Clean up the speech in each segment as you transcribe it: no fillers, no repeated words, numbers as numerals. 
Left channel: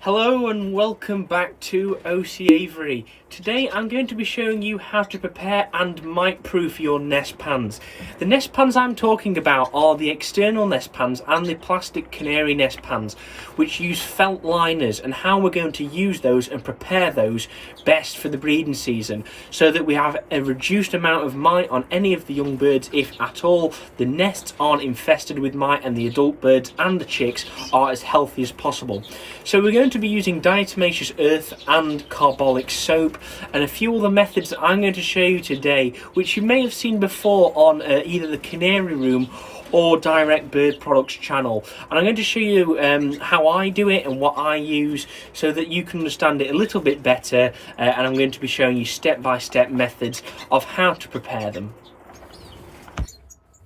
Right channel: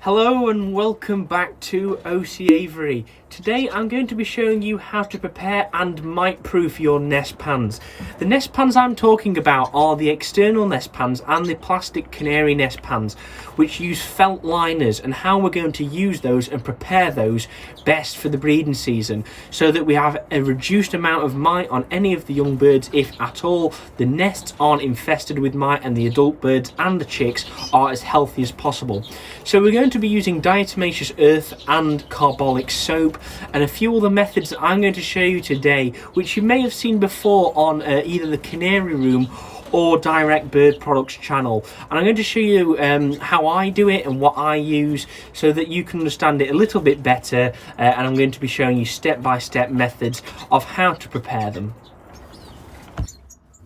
Hello and welcome back to OC Avery. Today I'm going to be showing you how to prepare and mite-proof your nest pans. The nest pans I'm talking about are the external nest pans and the plastic Canary nest pans, which use felt liners, and how we're going to use those and prepare those best for the breeding season so that we have a reduced amount of mite on any of the young birds, if at all. The nests aren't infested with mite and the adult birds and the chicks are as healthy as possible. So we're going to be using diatomaceous earth and carbolic soap and a few other methods that I'm going to show you today, which you may have seen before on either the Canary Room or Direct Bird Products channel. And I'm going to show you how I do it and what I use so that you can understand it a little bit better, and I'm going to be showing you step-by-step methods of how to prepare them.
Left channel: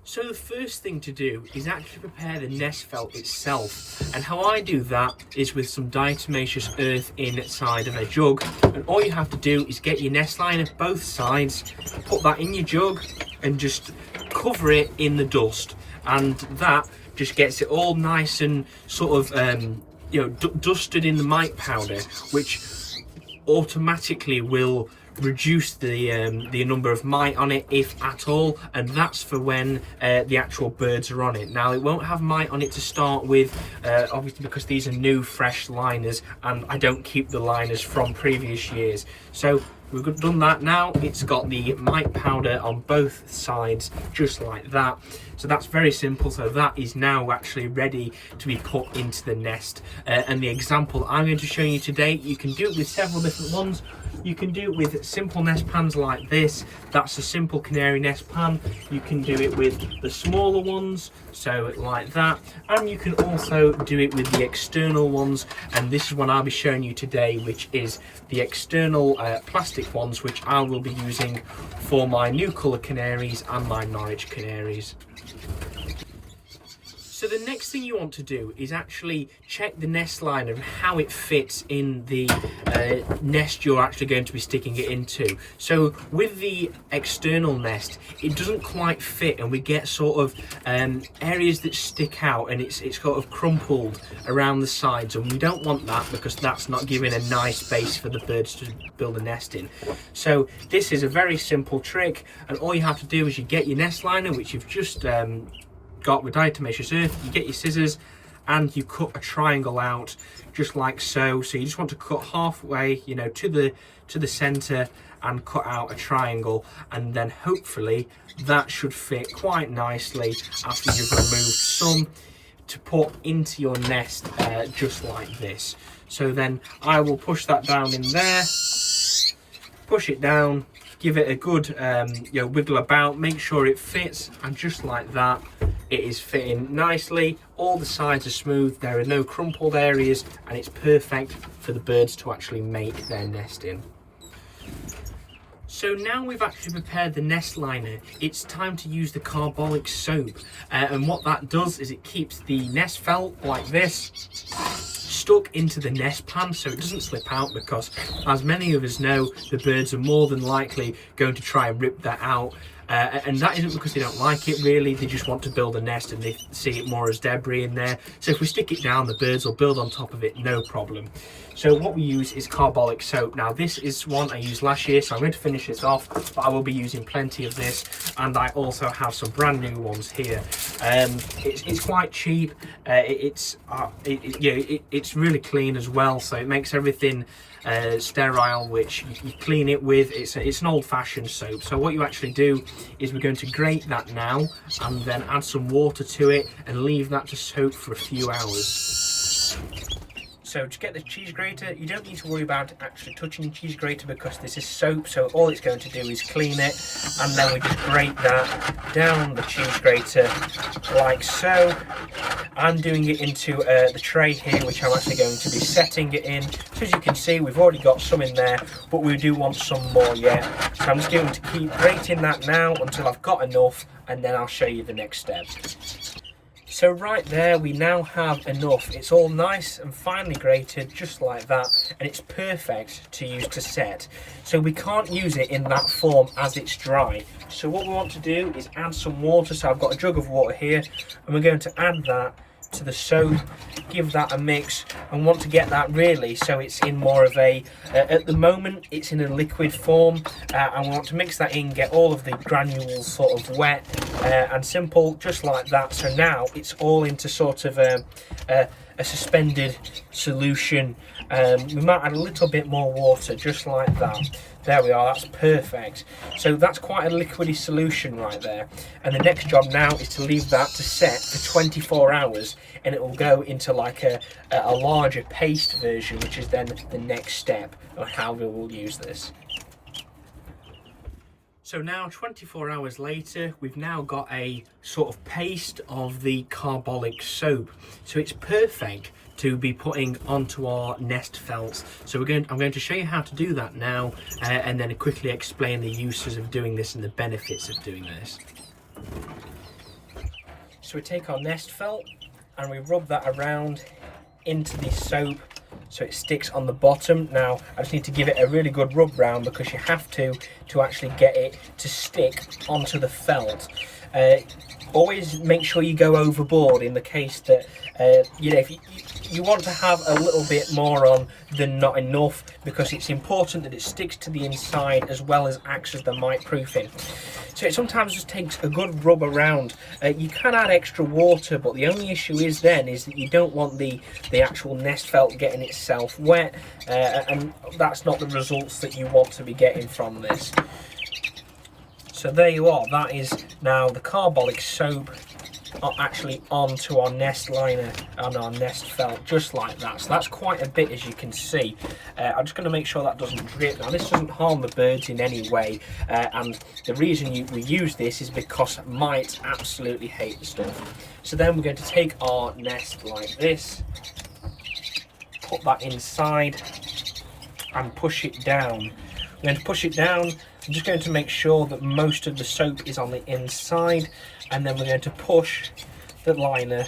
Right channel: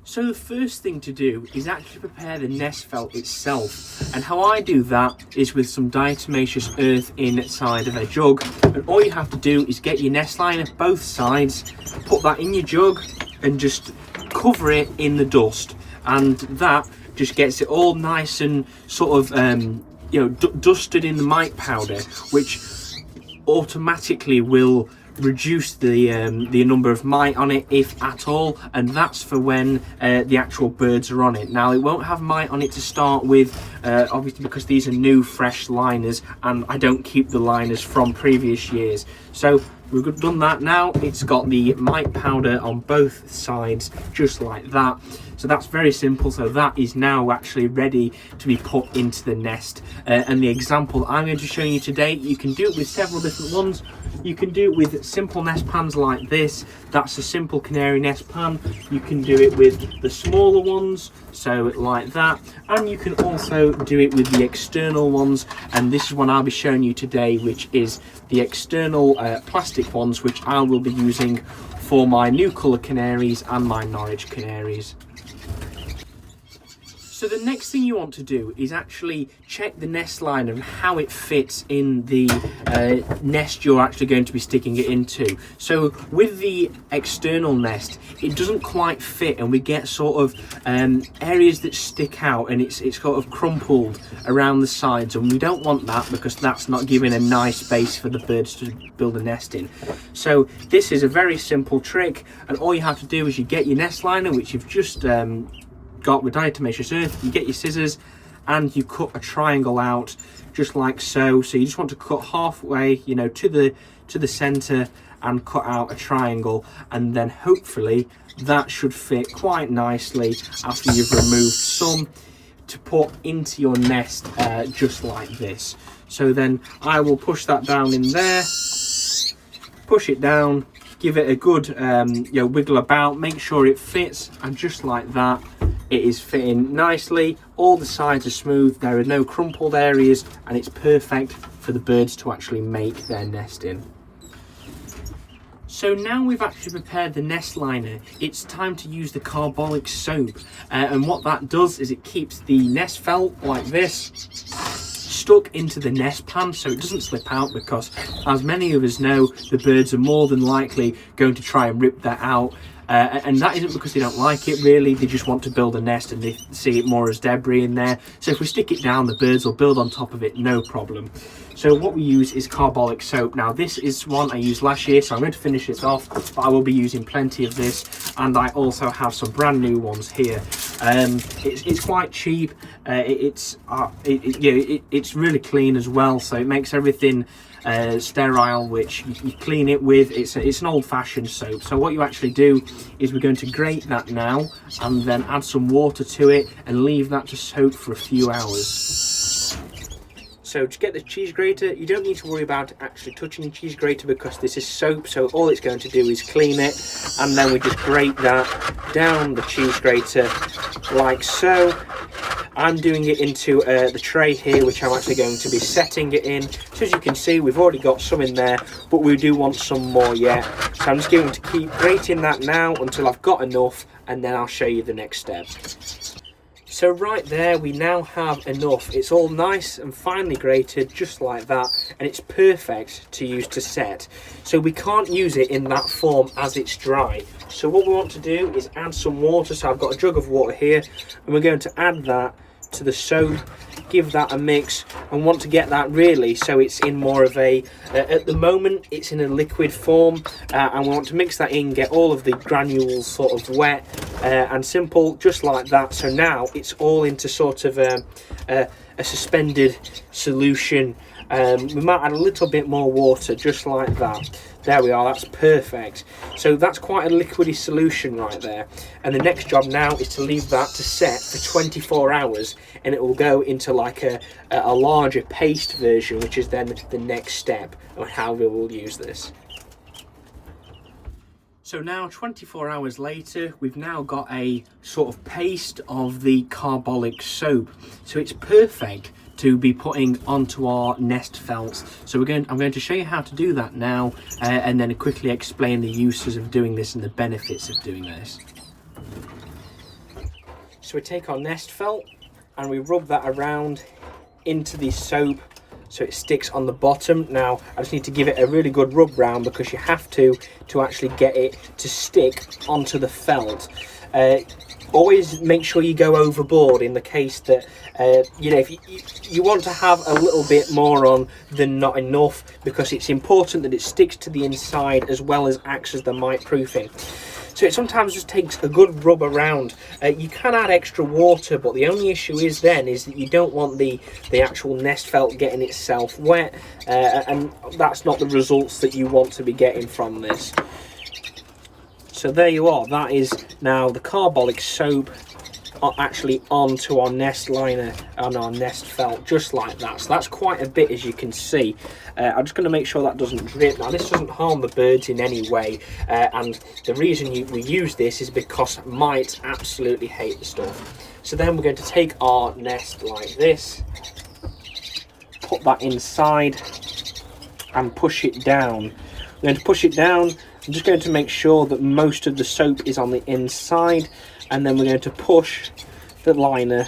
So the first thing to do is actually prepare the nest felt itself, and how I do that is with some diatomaceous earth inside of a jug. And all you have to do is get your nest liner both sides, put that in your jug and just cover it in the dust, and that just gets it all nice and sort of dusted in the mite powder, which automatically will reduce the number of mite on it, if at all, and that's for when the actual birds are on it. Now, it won't have mite on it to start with, obviously because these are new fresh liners and I don't keep the liners from previous years. So we've done that. Now it's got the mite powder on both sides just like that. So that's very simple. So that is now actually ready to be put into the nest. And the example that I'm going to show you today, you can do it with several different ones. You can do it with simple nest pans like this. That's a simple Canary nest pan. You can do it with the smaller ones, so like that. And you can also do it with the external ones. And this is one I'll be showing you today, which is the external plastic ones, which I will be using for my new colour canaries and my Norwich canaries. So the next thing you want to do is actually check the nest liner and how it fits in the nest you're actually going to be sticking it into. So with the external nest, it doesn't quite fit, and we get sort of areas that stick out, and it's sort of crumpled around the sides, and we don't want that because that's not giving a nice base for the birds to build a nest in. So this is a very simple trick, and all you have to do is you get your nest liner, which you've just got with diatomaceous earth. You get your scissors and you cut a triangle out just like so. So you just want to cut halfway, to the center, and cut out a triangle, and then hopefully that should fit quite nicely after you've removed some to put into your nest, just like this. So then I will push that down in there, push it down, give it a good wiggle about, make sure it fits, and just like that, it is fitting nicely. All the sides are smooth, there are no crumpled areas, and it's perfect for the birds to actually make their nest in. So now we've actually prepared the nest liner, it's time to use the carbolic soap. And what that does is it keeps the nest felt like this stuck into the nest pan so it doesn't slip out, because as many of us know, the birds are more than likely going to try and rip that out. And that isn't because they don't like it, really, they just want to build a nest and they see it more as debris in there. So if we stick it down, the birds will build on top of it, no problem. So what we use is carbolic soap. Now this is one I used last year, so I'm going to finish this off, but I will be using plenty of this, and I also have some brand new ones here. It's quite cheap, it's really clean as well, so it makes everything sterile, which you clean it with. It's an old-fashioned soap. So what you actually do is we're going to grate that now and then add some water to it and leave that to soak for a few hours. So to get the cheese grater, you don't need to worry about actually touching the cheese grater because this is soap, so all it's going to do is clean it, and then we just grate that down the cheese grater like so. I'm doing it into the tray here, which I'm actually going to be setting it in. So as you can see, we've already got some in there, but we do want some more yet. So I'm just going to keep grating that now until I've got enough, and then I'll show you the next step. So right there, we now have enough. It's all nice and finely grated, just like that, and it's perfect to use to set. So we can't use it in that form as it's dry. So what we want to do is add some water. So I've got a jug of water here, and we're going to add that to the soap, give that a mix, and want to get that really so it's in more of a, at the moment it's in a liquid form, and we want to mix that in, get all of the granules sort of wet and simple, just like that. So now it's all into sort of a suspended solution. We might add a little bit more water, just like that. There we are, that's perfect. So that's quite a liquidy solution right there. And the next job now is to leave that to set for 24 hours, and it will go into like a larger paste version, which is then the next step of how we will use this. So now 24 hours later, we've now got a sort of paste of the carbolic soap. So it's perfect to be putting onto our nest felts. So I'm going to show you how to do that now, and then quickly explain the uses of doing this and the benefits of doing this. So we take our nest felt and we rub that around into the soap so it sticks on the bottom. Now I just need to give it a really good rub round, because you have to actually get it to stick onto the felt. Always make sure you go overboard in the case that you know, if you want to have a little bit more on than not enough, because it's important that it sticks to the inside as well as acts as the mite proofing. So it sometimes just takes a good rub around. You can add extra water, but the only issue is then is that you don't want the actual nest felt getting itself wet, and that's not the results that you want to be getting from this. So there you are, that is now the carbolic soap actually onto our nest liner and our nest felt, just like that. So that's quite a bit, as you can see. I'm just going to make sure that doesn't drip. Now this doesn't harm the birds in any way, and the reason we use this is because mites absolutely hate the stuff. So then we're going to take our nest like this, put that inside and push it down. We're going to push it down. I'm just going to make sure that most of the soap is on the inside, and then we're going to push the liner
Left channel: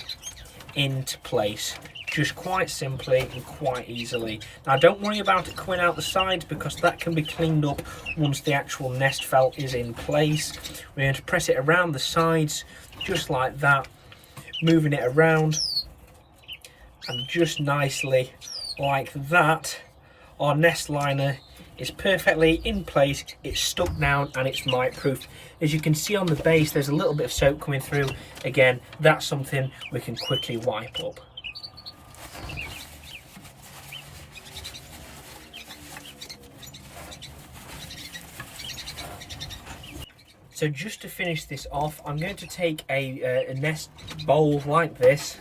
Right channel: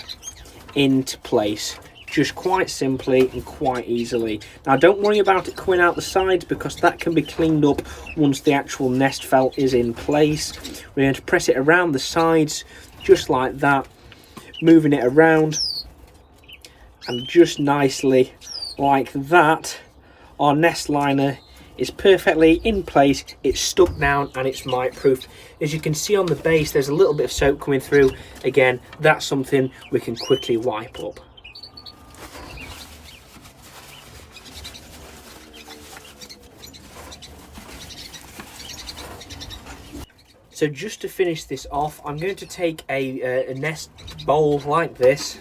into place, just quite simply and quite easily. Now don't worry about it coming out the sides, because that can be cleaned up once the actual nest felt is in place. We're going to press it around the sides, just like that, moving it around, and just nicely like that, our nest liner is perfectly in place, it's stuck down, and it's mite proof. As you can see on the base, there's a little bit of soap coming through. Again, that's something we can quickly wipe up. So just to finish this off, I'm going to take a nest bowl like this,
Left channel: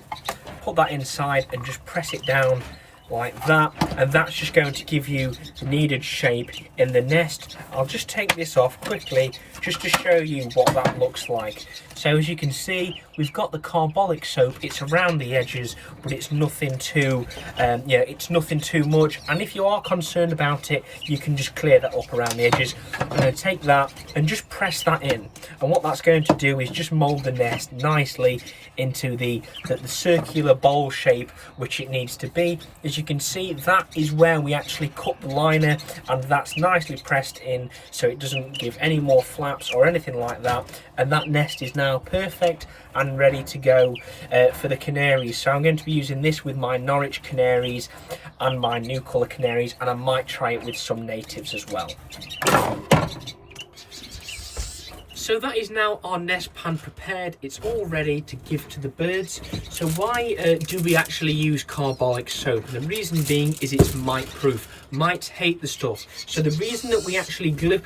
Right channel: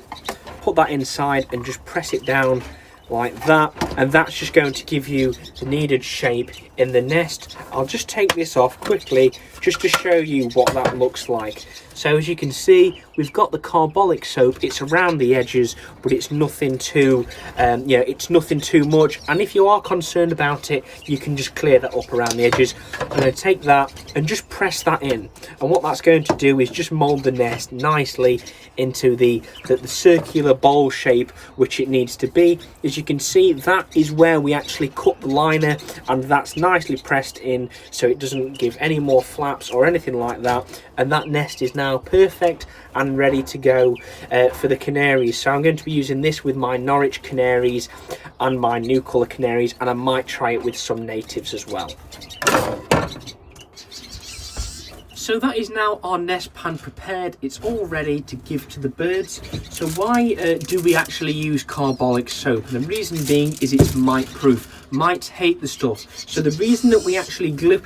put that inside and just press it down like that, and that's just going to give you the needed shape in the nest. I'll just take this off quickly just to show you what that looks like. So as you can see, we've got the carbolic soap. It's around the edges, but it's nothing too it's nothing too much, and if you are concerned about it, you can just clear that up around the edges. I'm going to take that and just press that in, and what that's going to do is just mold the nest nicely into the circular bowl shape which it needs to be. As you can see, that is where we actually cut the liner, and that's nicely pressed in so it doesn't give any more flaps or anything like that, and that nest is now perfect and ready to go for the canaries. So I'm going to be using this with my Norwich canaries and my new colour canaries, and I might try it with some natives as well. So that is now our nest pan prepared. It's all ready to give to the birds. So why do we actually use carbolic soap? And the reason being is it's mite proof. Mites hate the stuff. So the reason that we actually glue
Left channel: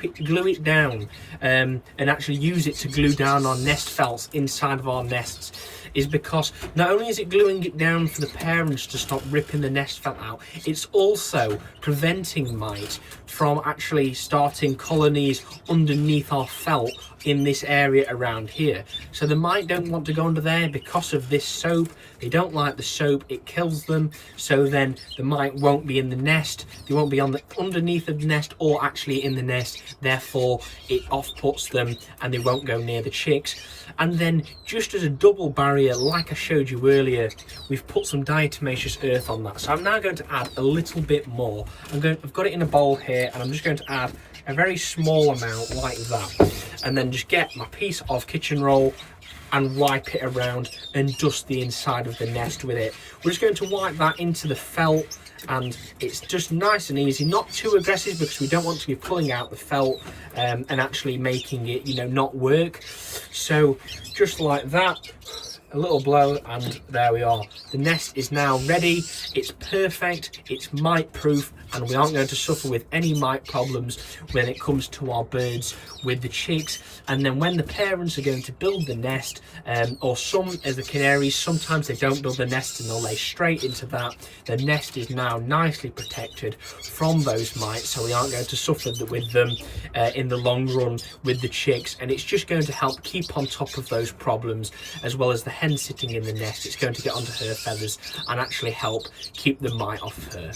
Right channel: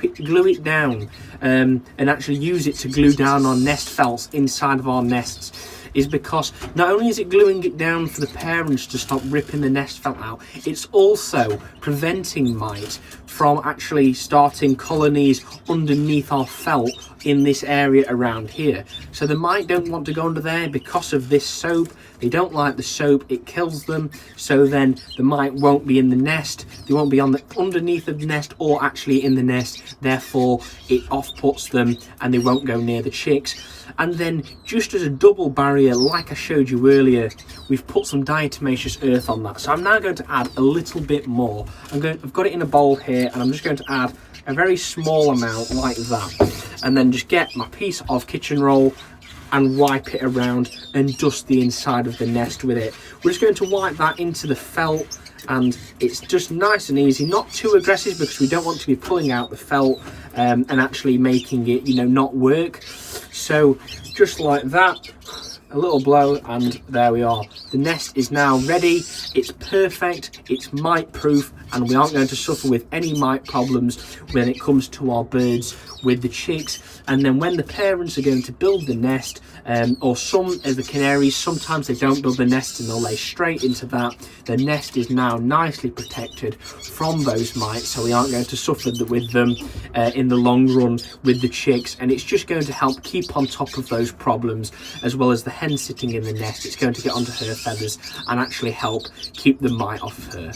it down and actually use it to glue down our nest felts inside of our nests is because not only is it gluing it down for the parents to stop ripping the nest felt out, it's also preventing mites from actually starting colonies underneath our felt in this area around here. So the mite don't want to go under there because of this soap. They don't like the soap, it kills them, so then the mite won't be in the nest, they won't be on the underneath of the nest or actually in the nest, therefore it off-puts them and they won't go near the chicks. And then just as a double barrier, like I showed you earlier, we've put some diatomaceous earth on that. So I'm now going to add a little bit more. I've got it in a bowl here, and I'm just going to add a very small amount like that, and then just get my piece of kitchen roll, and wipe it around and dust the inside of the nest with it. We're just going to wipe that into the felt, and it's just nice and easy, not too aggressive because we don't want to be pulling out the felt and actually making it, you know, not work. So just like that, a little blow, and there we are. The nest is now ready. It's perfect, it's mite proof, and we aren't going to suffer with any mite problems when it comes to our birds with the chicks. And then when the parents are going to build the nest, or some as the canaries, sometimes they don't build the nest and they'll lay straight into that. The nest is now nicely protected from those mites, so we aren't going to suffer with them in the long run with the chicks, and it's just going to help keep on top of those problems, as well as the hen sitting in the nest. It's going to get onto her feathers and actually help keep the mite off of her.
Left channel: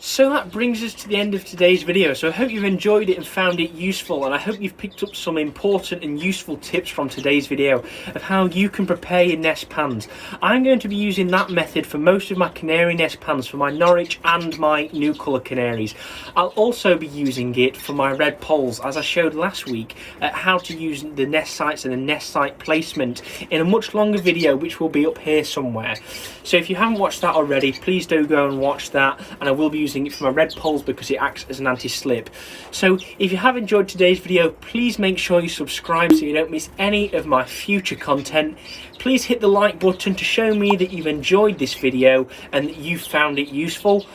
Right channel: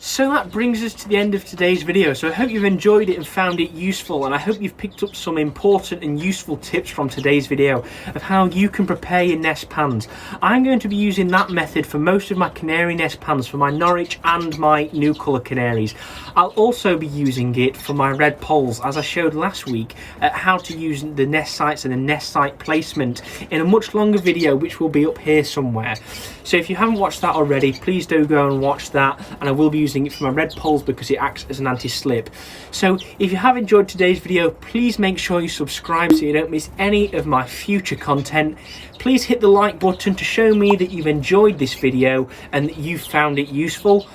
So that brings us to the end of today's video. So I hope you've enjoyed it and found it useful, and I hope you've picked up some important and useful tips from today's video of how you can prepare your nest pans. I'm going to be using that method for most of my canary nest pans, for my Norwich and my new colour canaries. I'll also be using it for my red poles, as I showed last week, at how to use the nest sites and the nest site placement in a much longer video, which will be up here somewhere. So if you haven't watched that already, please do go and watch that, and I will be using it for my red poles because it acts as an anti-slip. So if you have enjoyed today's video, please make sure you subscribe so you don't miss any of my future content. Please hit the like button to show me that you've enjoyed this video and that you've found it useful.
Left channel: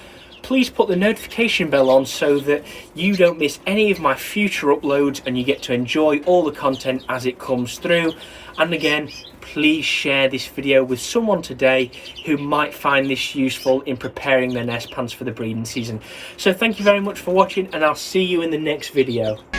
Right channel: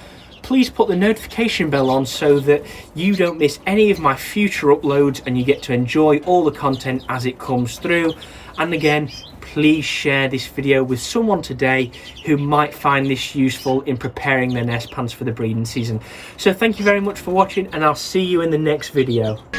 Please put the notification bell on so that you don't miss any of my future uploads and you get to enjoy all the content as it comes through. And again, please share this video with someone today who might find this useful in preparing their nest pans for the breeding season. So thank you very much for watching, and I'll see you in the next video.